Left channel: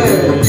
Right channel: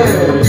Amén.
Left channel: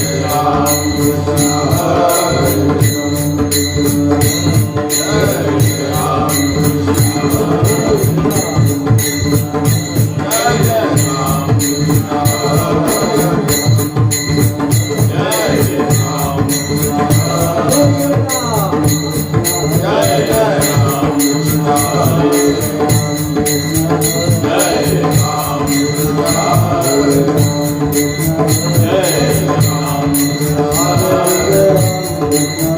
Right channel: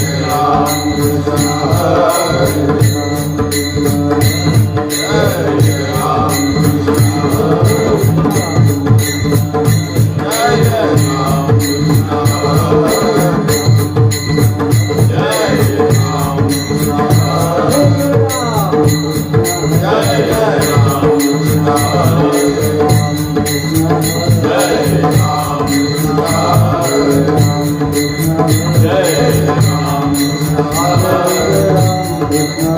Krishna.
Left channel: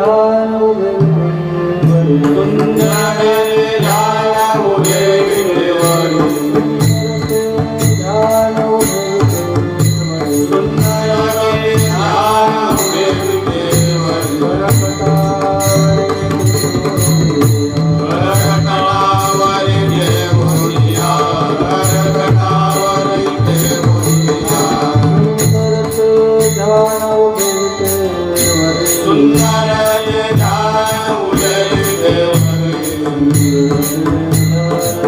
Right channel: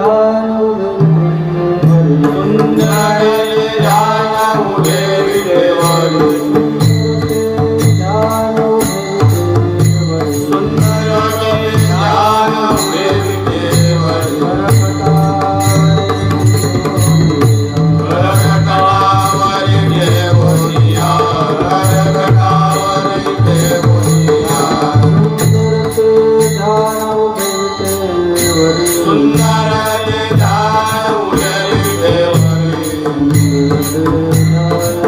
Oh. Música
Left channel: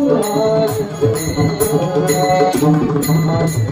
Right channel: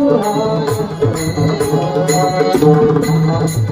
Yeah.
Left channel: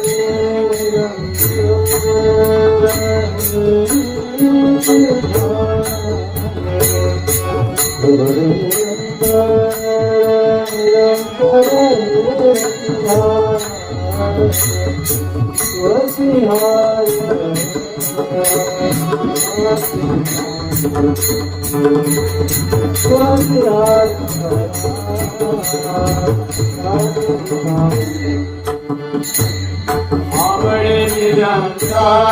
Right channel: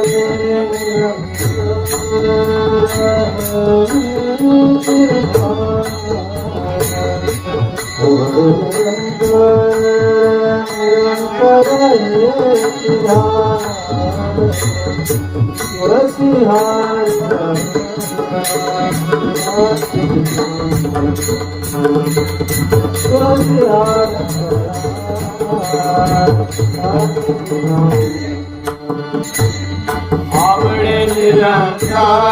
Awade Nirakar.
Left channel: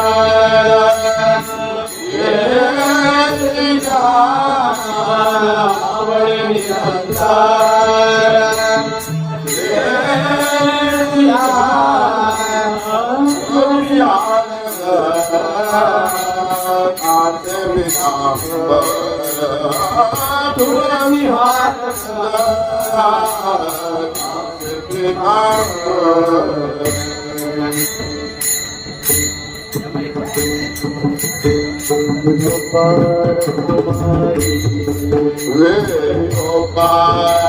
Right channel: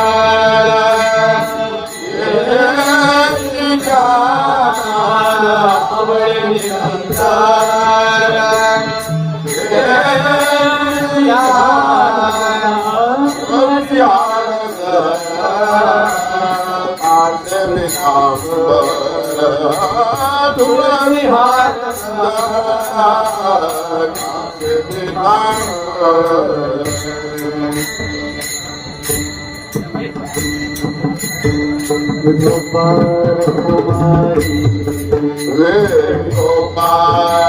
Gopal Gopal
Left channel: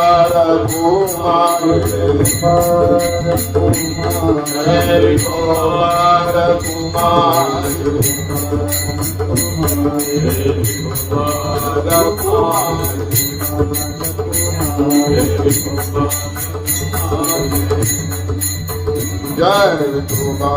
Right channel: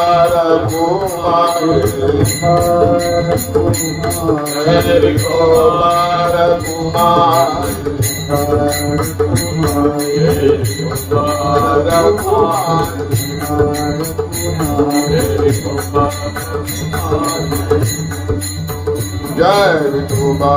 Shrimukh Avadi Awade Jai Vithoba